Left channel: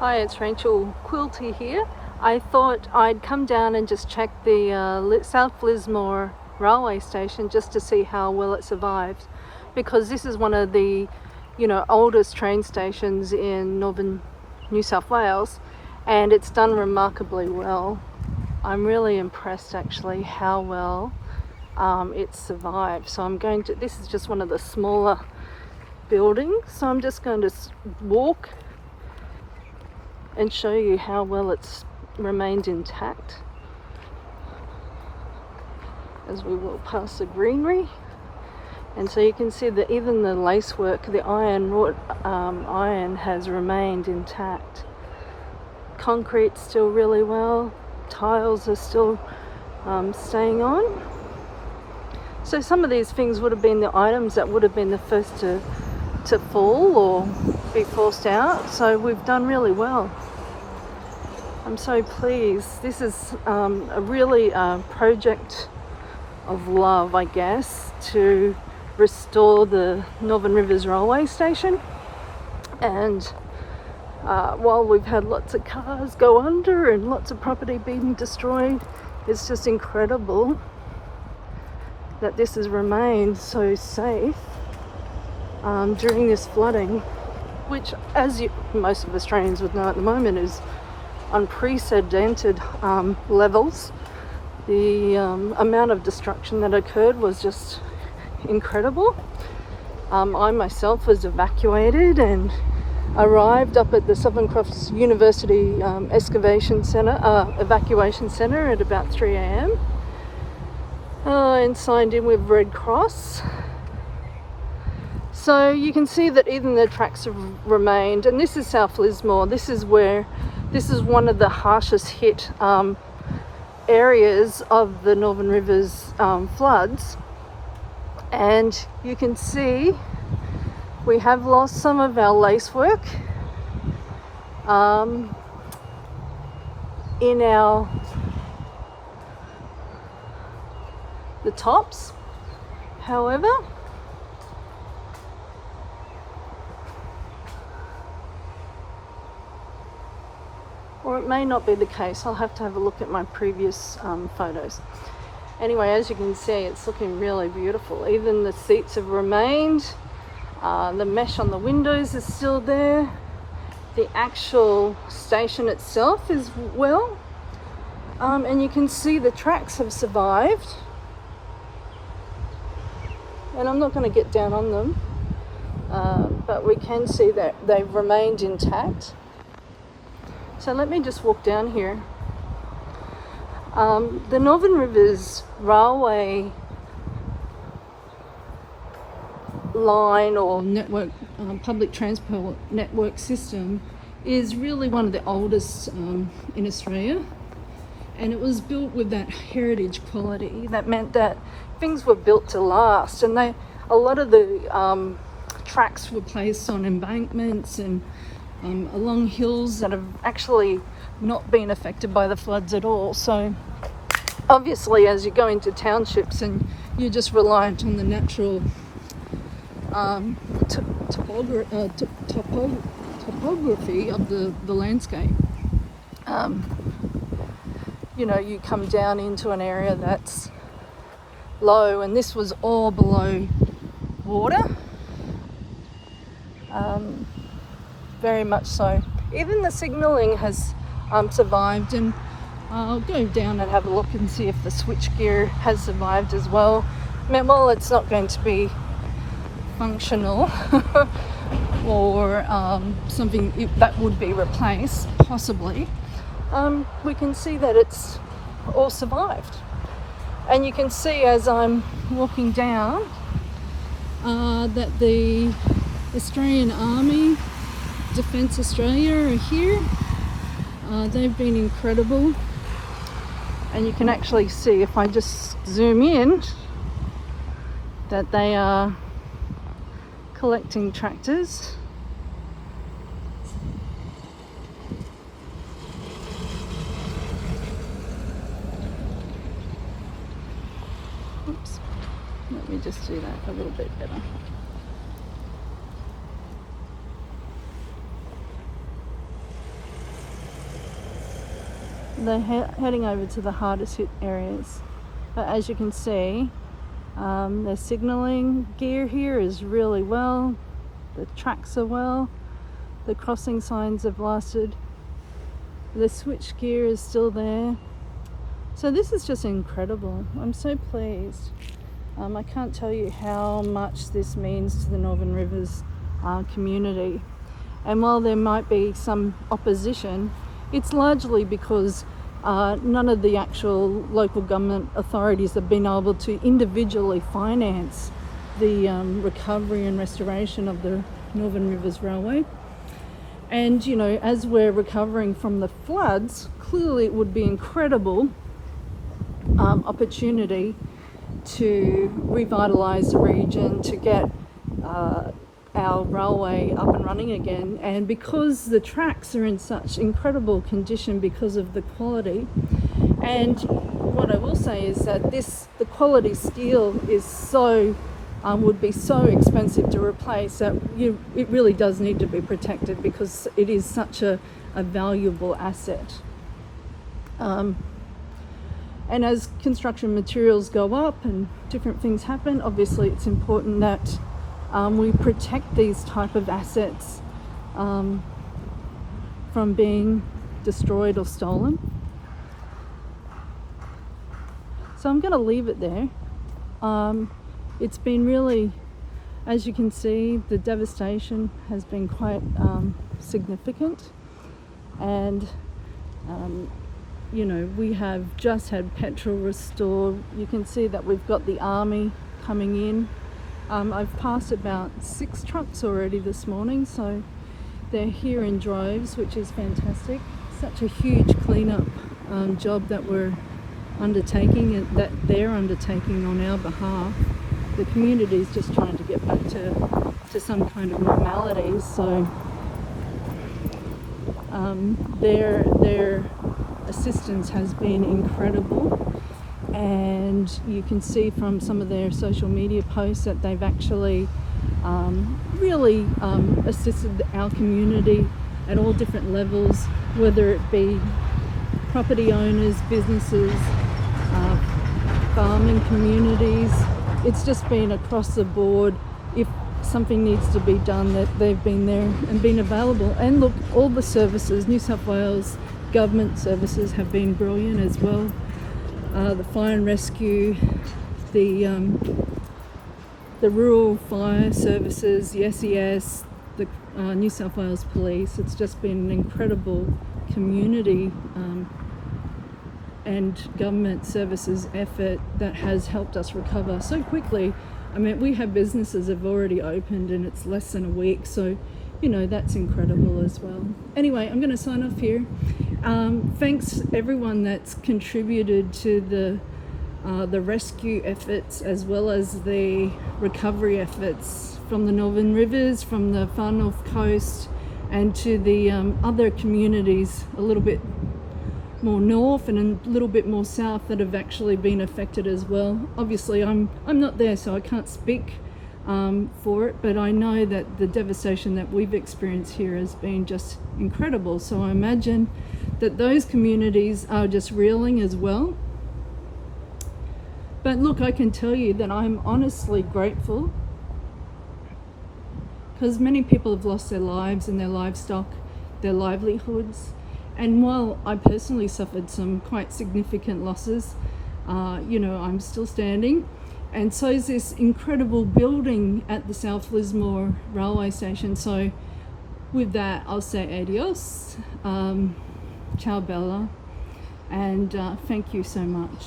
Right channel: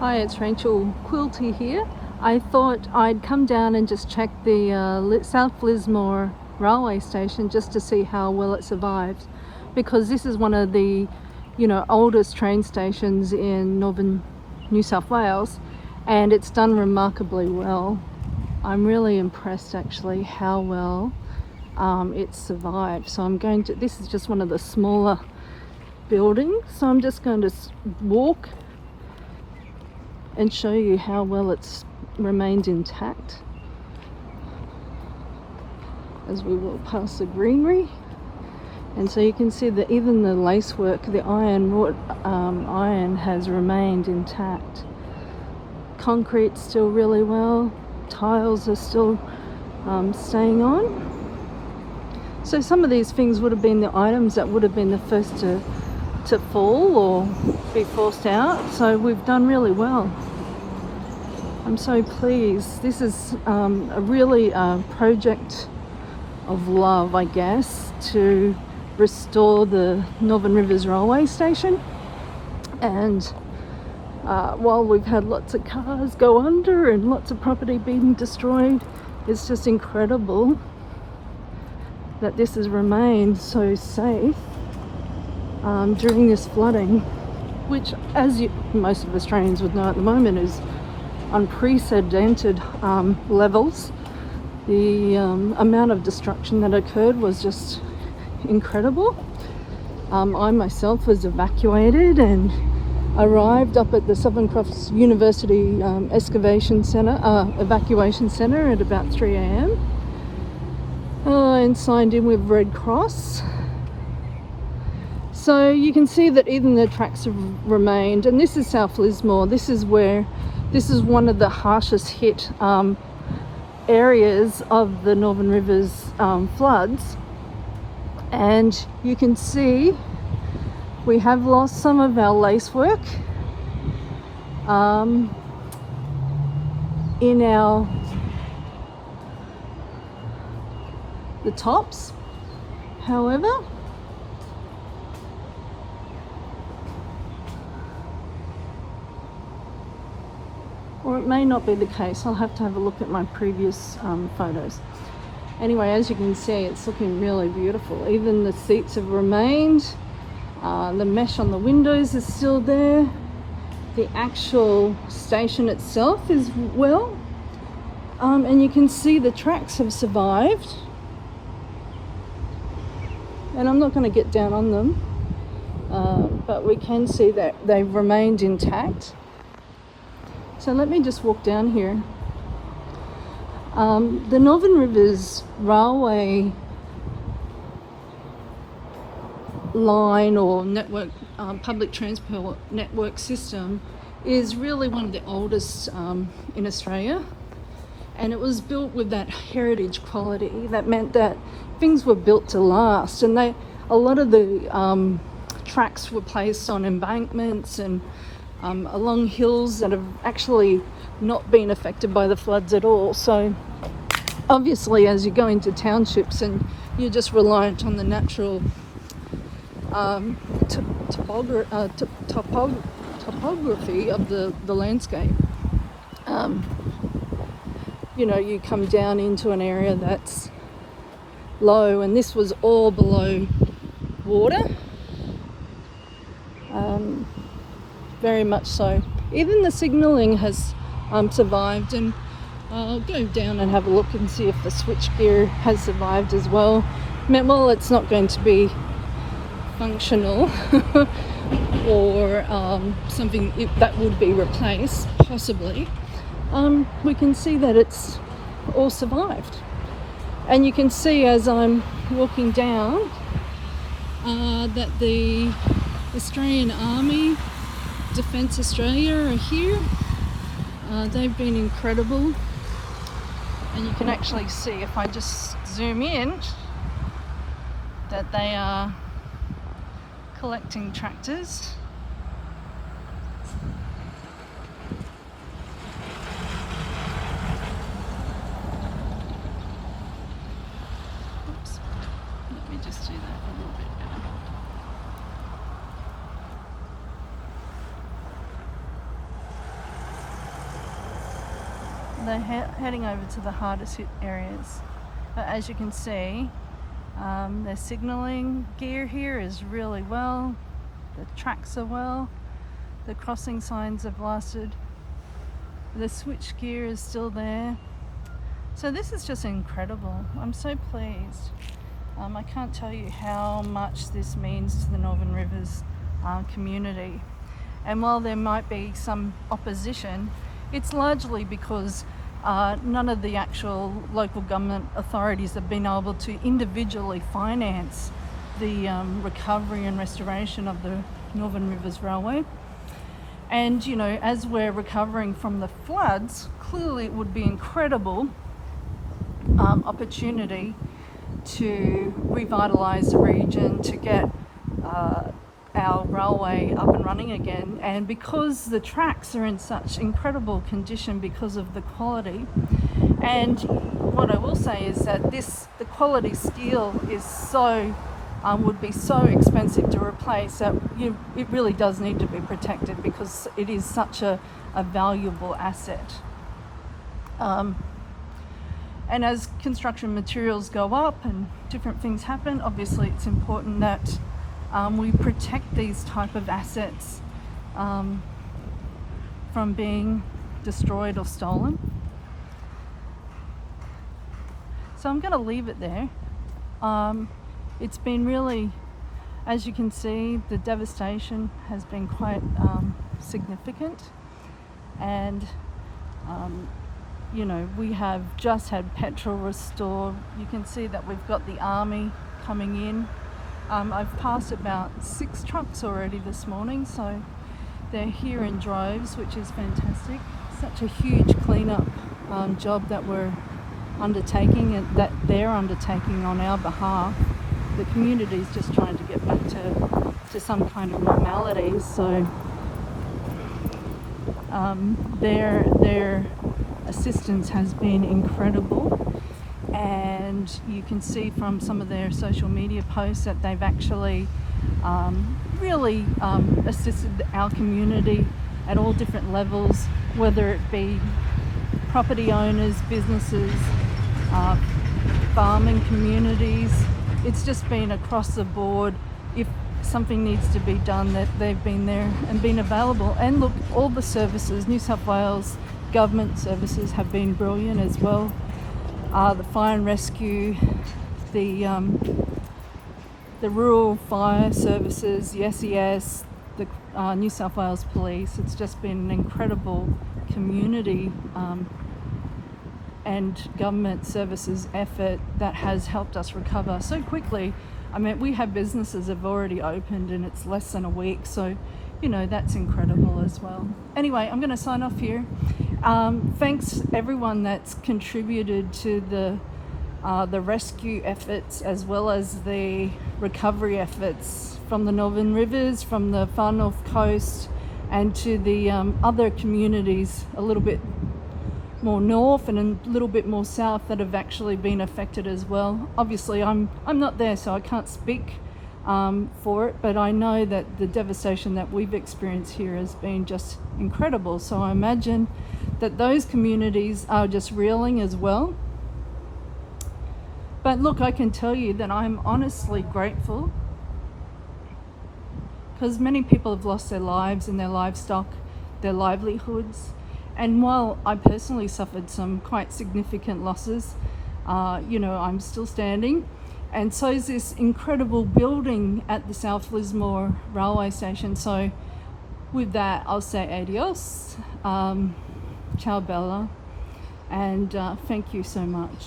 Hi, it's Rachel Quilty here. I thought I'd come down and just check the South Lismore railway station just to see how well it survived, because this is one of the oldest train stations in northern New South Wales, and it's done remarkably well. I'm really impressed actually how well it's survived. So this is just one of the smaller buildings, so I'm just going to walk and show you how well it's remained intact as we walk past the greenery. And so you can see that even the lacework, the iron has remained intact. Concrete's still really well, tiles are still staying on. So some of these things would have been the items that would have been the first to fall or be forced out, so we've done really well. I'm so pleased. This is a really project of love, I guess, to restore the Northern Rivers Railway Station. And while we've had lots of cars go under and lots of property being destroyed, it's just incredible that this has remained so safe during this flooding, which, as most of Australians would know at the moment, is unprecedented levels. The amount of destruction that occurred was just incredible. I myself was evacuated and arrived up at the Southern Cross University evacuation centre at about 3 a.m. And signed in with Red Cross. So you can see that even the tracks have remained, and this is South Lismore. This is one of the harshest hit areas of the Northern Rivers floods, and you can see we have lost some of our lacework in the tops. However, or it may not be the case. I'll have to have a look at my previous photos. Anyway, as you can see, it's looking really beautiful. Even the seats have remained. The mesh on the windows is still there. The actual station itself is well. And you can see the tracks have survived. And I'm not going to get down on them, but we can see that they've remained intact. So let me just walk down here. The Northern Rivers Railway line or network, public transport network system, is really one of the oldest in Australia, and it was built with that heritage quality. That meant that things were built to last, and a lot of the tracks were placed on embankments and along hills that have actually not been affected by the floods at all. So obviously, as you go into townships and you're just reliant on the natural topography of the landscape, you come down into an area that's low, and this was all below water. Very much so. Even the signalling has survived, and I'll go down and have a look and see if the switchgear has survived as well. Well, it's not going to be functional or something that would be replaced, possibly. We can see that it's all survived. And you can see as I'm walking down that the Australian Army, Defence Australia are here. They've been incredible, and you can actually see, if I just zoom in, that they are collecting tractors. Oops. Let me just do that a little bit better. they're heading over to the hardest hit areas. But as you can see, their signalling gear here is really well. The tracks are well. The crossing signs are blasted. The switch gear is still there. So this is just incredible. I'm so pleased. I can't tell you how much this means to the Northern Rivers community. And while there might be some opposition, it's largely because none of the actual local government authorities have been able to individually finance the recovery and restoration of the Northern Rivers Railway. And you know, as we're recovering from the floods, clearly it would be incredible opportunity to revitalise the region, to get our railway up and running again. And because the tracks are in such incredible condition because of the quality, and what I will say is that the quality steel is so would be so expensive to replace that it really does need to be protected, because it is such a valuable asset. And as construction materials go up and different things happen, obviously it's important that we protect these type of assets from being destroyed or stolen. So I'm going to leave it there. It's been really, as you can see, the devastation has been quite significant, and you know, we have just had petrol restored. You can see that we've got the army coming in. I've passed about 6 trucks already this morning, so they're here in droves, which is fantastic. Such a huge cleanup job that we're undertaking, and that they're undertaking on our behalf. The community is just trying to get back to some kind of normality, so their assistance has been incredible, and you can see from some of their social media posts that they've actually really assisted our community at all different levels, whether it be property owners, businesses, farming communities. It's just been across the board. If something needs to be done, that they've been there and been available. And look, all the services, New South Wales government services have been brilliant as well. The fire and rescue, the rural fire services, the SES, the New South Wales Police. It's just been an incredible community and government services effort that has helped us recover so quickly. I mean, we have businesses that have already opened and it's less than a week, so you know, that's incredible as well. Anyway, I'm going to sign off here. Thanks everyone that's contributed to the rescue efforts as well as the recovery efforts from the Northern Rivers, from the far north coast, and to the other communities a little bit more north and a little bit more south that have actually been affected as well. Obviously I'm not there, so I can't speak for it, but I know that the devastation that we've experienced here has been just incredible. So I imagine that those communities are just reeling as well. But look, I can tell you that I'm honestly grateful, because many people have lost their lives and their livestock, their livelihoods. And while I personally suffered some quite significant losses, you know, I'm still standing. And so is this incredible building at the South Lismore railway station. So with that, I'll say adios, ciao bella, and thank you so much.